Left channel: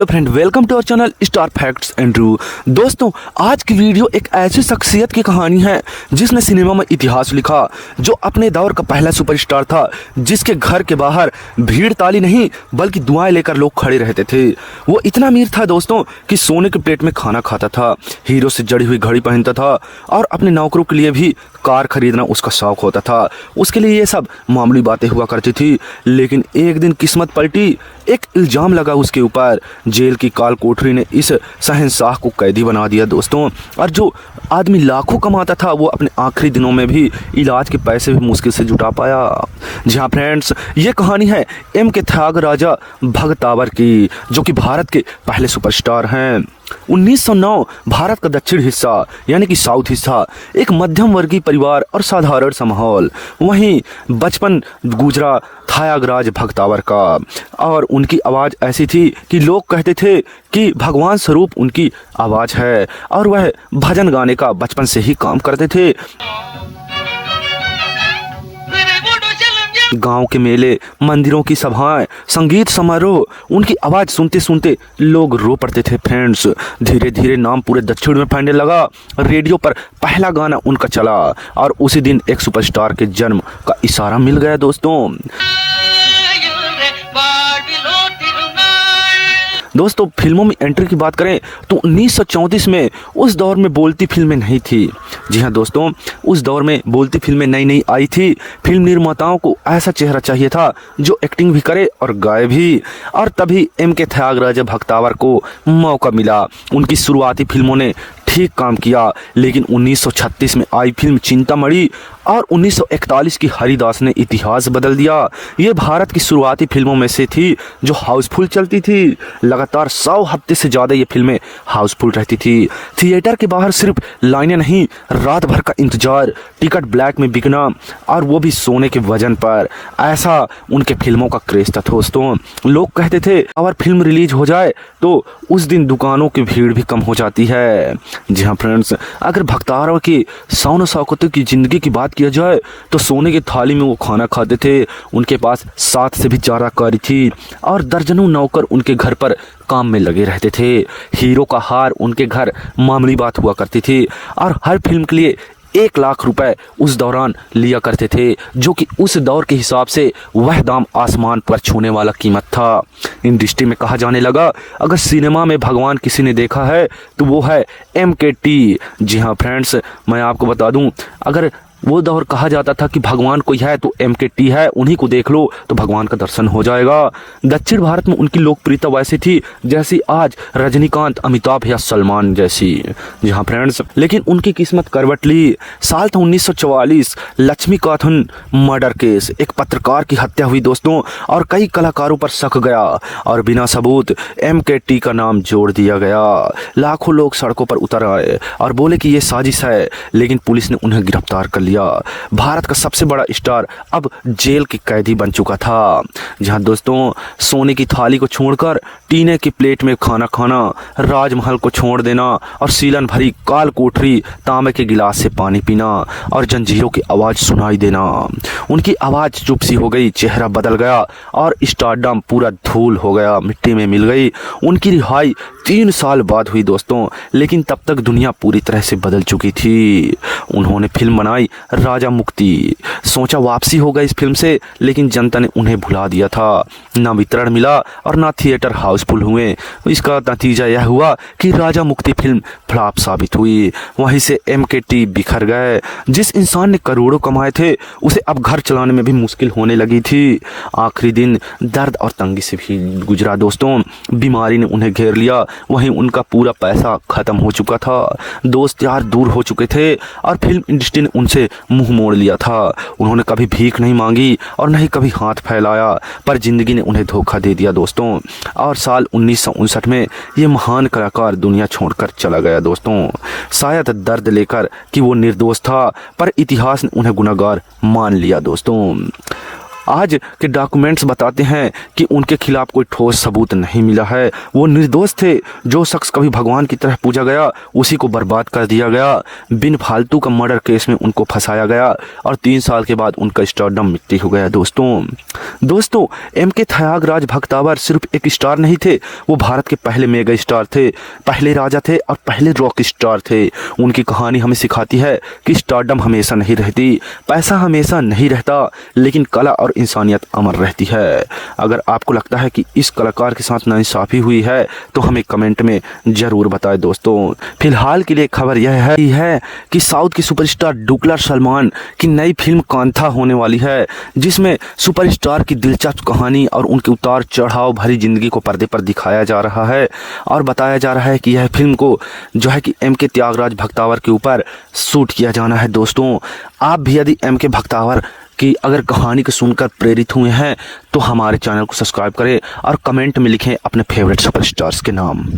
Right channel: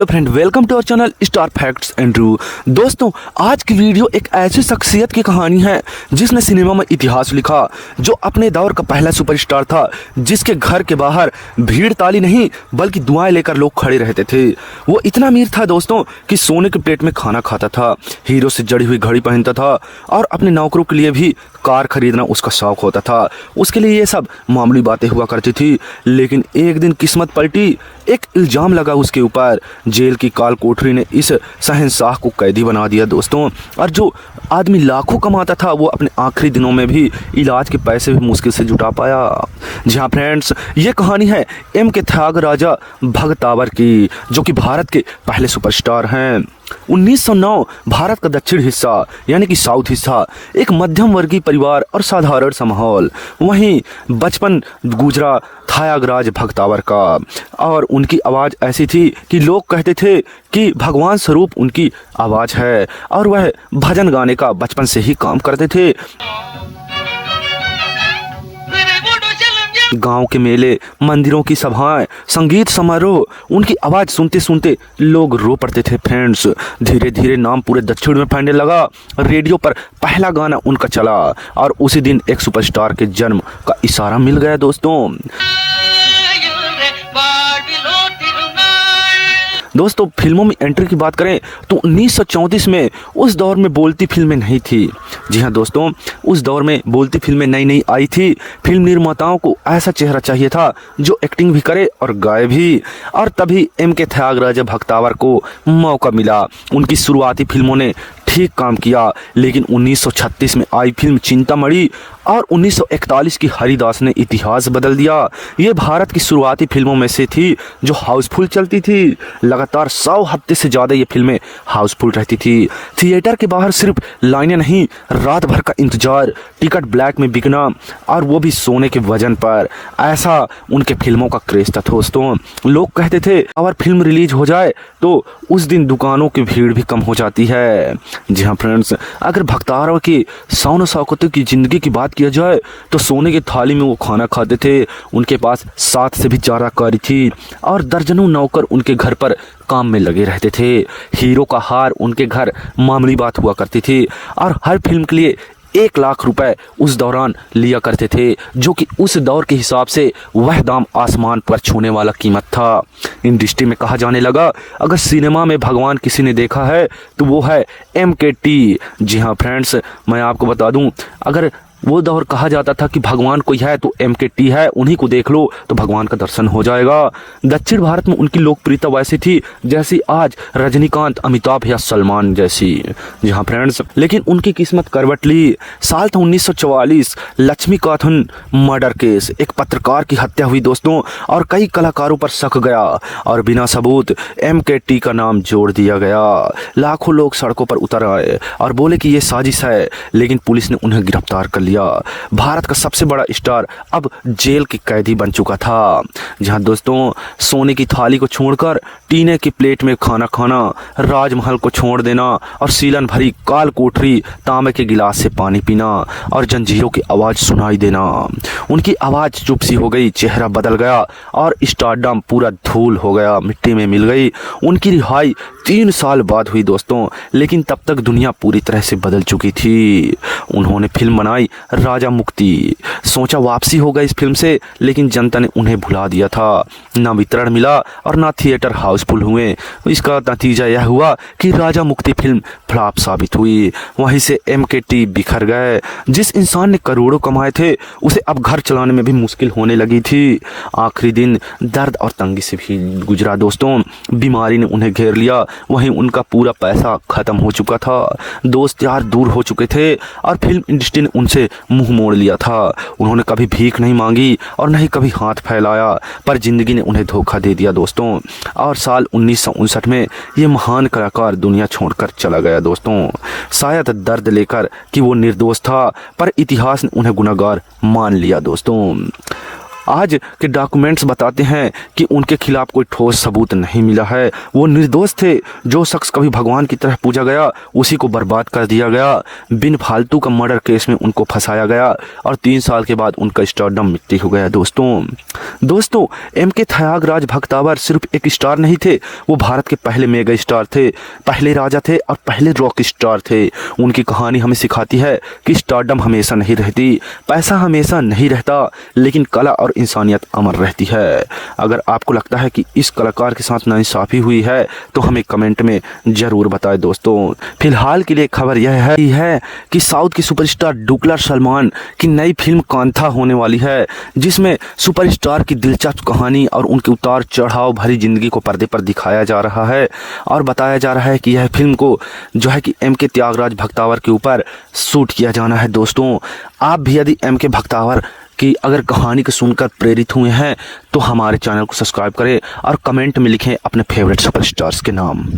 तो friend welcome to our channel star facts and रू। दोस्तों आज की वीडियो एक ऐसी शख्सियत की कहानी है जिसने सिनेमा में इतिहास लिखा, जो अपने दौर का पहला सुपरस्टार था, जिसके घर के बाहर भीड़ ताली नहीं बल्कि दुआएं लेकर लोग खड़े रहते थे। वो इतना अमीर था दोस्तों कि सोने के प्लेट में खाना खाता था, हीरो से जड़ी हुई घड़ी पहनता था और अपने नौकरों के लिए भी कार खरीदना उसका शौक होता था। उसके लिए ये सब मामूली बातें हुआ करती थी, लेकिन एक दिन किस्मत पलटी। एक इल्जाम लगा उसके ऊपर। जेल की काल कोठरी ने इस शहंशाह को कैदी बना दिया दोस्तों। और जो आदमी लाखों कमाता था वो अपने आखिरी दिनों में भी इलाज के पैसे भी मुश्किल से जुटा पाया। जी हाँ फ्रेंड्स, ये कहानी है M.K. त्यागराजा भगतावर की, जो कि भारत के पहले सुपरस्टार हैं। 1909 भारत का दक्षिण हिस्सा यानी कि साउथ हिस्सा, एक मध्यम वर्गीय परिवार और साधारण सा माहौल। वहीं बचपन गुजरा त्यागराज भगतावर का, और उनकी आवाज ऐसी थी कि लोग कहते थे कि भगवान स्वरूप उनकी आवाज है, और वह भजन गाने का बचपन से ही काम करते थे। गांव के मेले, मंदिरों की सभाएं, संगीत समारोह, उनकी आवाज सुनते सुनते लोग रो पड़ते थे फ्रेंड्स। धीरे धीरे नाम पूरे दक्षिण में फैलने लगा। रेडियो पर पहला गाना उनका चला और उसी दिन एक सुपरस्टार के जन्म का इशारा मिल गया दोस्तों। दोस्तों फिल्मों में एंट्री की बात करें तो 1934 में उस दौर में बोलती फिल्में नहीं थी। जी हाँ दोस्तों, उस दौर में बोलती फिल्में नई नई आई थी। फिल्म निर्माताओं को ऐसा चेहरा चाहिए था जो एक्टिंग भी करे और गाए भी, और तभी M.K. त्यागराजा भगतावर को मौका मिला। उनकी शुरुआती फिल्मों ने ठीक काम किया, लेकिन 1936 में आई फिल्म चिंतामणि और 1941 की हरिदास ने इतिहास बदल दिया। ये भारत की शुरुआती फिल्मों में से थी जो हाउसफुल चलती थी। लगातार 100 हफ्ते से ज्यादा ये फिल्में हाउसफुल रहती थी। थिएटर के बाहर सिर्फ लाइनें नहीं, रात भर का इंतजार, टिकट ब्लैक में बिकना, और वो भी सोने के वजन पर। ऐसा उनके फिल्मों का क्रेज था दोस्तों। लोग कहते थे अगर फिल्म रिलीज हो जाए तो उस दिन दुकानों की भीड़ भी कम हो जाती है। जी हाँ फ्रेंड्स, अगर भगतावर की शान शौकत की जिंदगी की बात किया जाए तो सोने की थाली में वो खाना खाते थे। उनके पास 7 से भी ज्यादा कारी थी और दर्जनों नौकर उनके घर पर काम में लगे रहते थे। हीरो का हार उनके घर मामूली बात हुआ करती थी, और हर फिल्म के लिए 1 लाख रुपए उस दौरान लिया करते थे, जो कि उस दौर के हिसाब से वह दाम आसमान पर छूने वाला कीमत था। इंडस्ट्री में कहा जाने लगा अगर सिनेमा में भगवान किसी ने देखा है तो वो है M.K.T। जी हाँ फ्रेंड्स, मैं आपको बता दूं, अगर वो दौर कहा जाता था कि भगवान कोई है तो M.K.T है, उन्हीं को देख लो तो भगवान का दर्शन हो जाएगा। दक्षिण भारत में उनकी लोकप्रियता वैसी थी जैसी आज रजनीकांत, अमिताभ या सलमान जैसी। जी हाँ फ्रेंड्स, लेकिन उनकी किस्मत करवट ली। साल था 1944, लक्ष्मीकांतन मर्डर केस, एक पत्रकार की हत्या हुई दोस्तों, और कई कलाकारों पर शक गया और बिना सबूत M.K.T का नाम जोड़ दिया गया। लाखों लोग सड़कों पर उतर आए और बोले कि ये साजिश है, लेकिन पुलिस ने उन्हें गिरफ्तार कर लिया। भारत का सबसे बड़ा स्टार अब जेल की कैदी बन चुका था। जहां दोस्तों सोने की थाली को छोड़कर टीने की प्लेट में खाना खाना, राजमहल को छोड़ देना और सीलन भरी काल कोठरी, तांबे के गिलास से पानी पीना और जंजीरों की आवाज सुनाई देना। उनकी आवाज चुप सी हो गई, चेहरा बदल गया और स्टारडम पूरा धूल हो गया, मिट्टी में मिल गई। उनकी रिहाई 3 साल बाद हुई दोस्तों, लेकिन तब तक दुनिया पूरी तरह से बदल चुकी थी। उन्होंने फिल्म बनाई राजा मुक्ति। सोचा वापसी हो गई इस फिल्म से, लेकिन जनता ने उन्हें भुला दिया था। ना वितरण मिला और ना थिएटर हाउसफुल हुए। इसका नतीजा यह हुआ कि राजा मुक्ति फिल्म फ्लॉप साबित हुई। वहीं से M.K.T बिखर गए। जिस इंसान ने करोड़ों कमाए थे उसे अब घर चलाने में भी मुश्किल होने लगी थी। आखिरी दिन दर्द और तंगी से भी गुजरा दोस्तों। बीमारी ने उन्हें घेर लिया। वहीं उनका पूरा पैसा खत्म हो चुका था, दोस्त यार दूर हो चुके थे और फिल्म इंडस्ट्री ने उनसे मुंह मोड़ लिया था। उन्होंने कभी भीख नहीं मांगी और नहीं कभी हाथ फैलाया, पर जिंदगी ने उन्हें धोखा दे दिया दोस्तों। और साल 1959 में ये महान कलाकार दुनिया छोड़कर चला गया दोस्तों। शायद दर्द लेकर कि वो निर्दोष था, पर इतिहास ने उन्हें गुनहगार मान लिया दोस्तों। आज के डॉक्यूमेंट्स बताते हैं कि उनके खिलाफ कोई ठोस सबूत नहीं मिला है। वो निर्दोष थे। जो शख्स कभी भगवान की तरह पूजा गया उसी को बर्बाद कर दिया गया। बिन फालतू का मर्डर केस में उनको फंसाया गया और 3 साल के बाद उनका स्टारडम मिट्टी हो गया। दोस्तों एमके त्यागराज भक्तावर सिर्फ एक स्टार नहीं थे, वो भारत के पहले मेगा स्टार थे, पहले राजा थे और पहले रॉक स्टार थे। उनकी कहानी हमें सिखाती है कि स्टारडम हमेशा नहीं रहती, पैसा हमेशा नहीं रहता, लेकिन कला और इंसानियत अमर रहती है। अगर आपको लगता है कि इस कलाकार के साथ नाइंसाफी हुई है तो हमें कमेंट में जरूर बताएं। दोस्तों फिलहाल के लिए खबर यह है कि साउथ के सुपरस्टार डुगलास सलमान की नई फिल्म कांथा होने वाली है, जिसमें सुपरस्टार की दिलचस्प कहानी और उनके उतार चढ़ाव भरी जिंदगी को पर्दे पर दिखाया जा रहा है और बताया जा रहा है कि यह फिल्म को जो है कि एमके त्यागराज भक्तावर के ऊपर शूट किया जाना है। दोस्तों आप भी यदि एमके भक्तावर की अगर कहानी को सुनकर प्रेरित हुए हैं तो हमारे चैनल को सब्सक्राइब करें और कमेंट में लिखें अपने फेवरेट सुपरस्टार्स के नाम।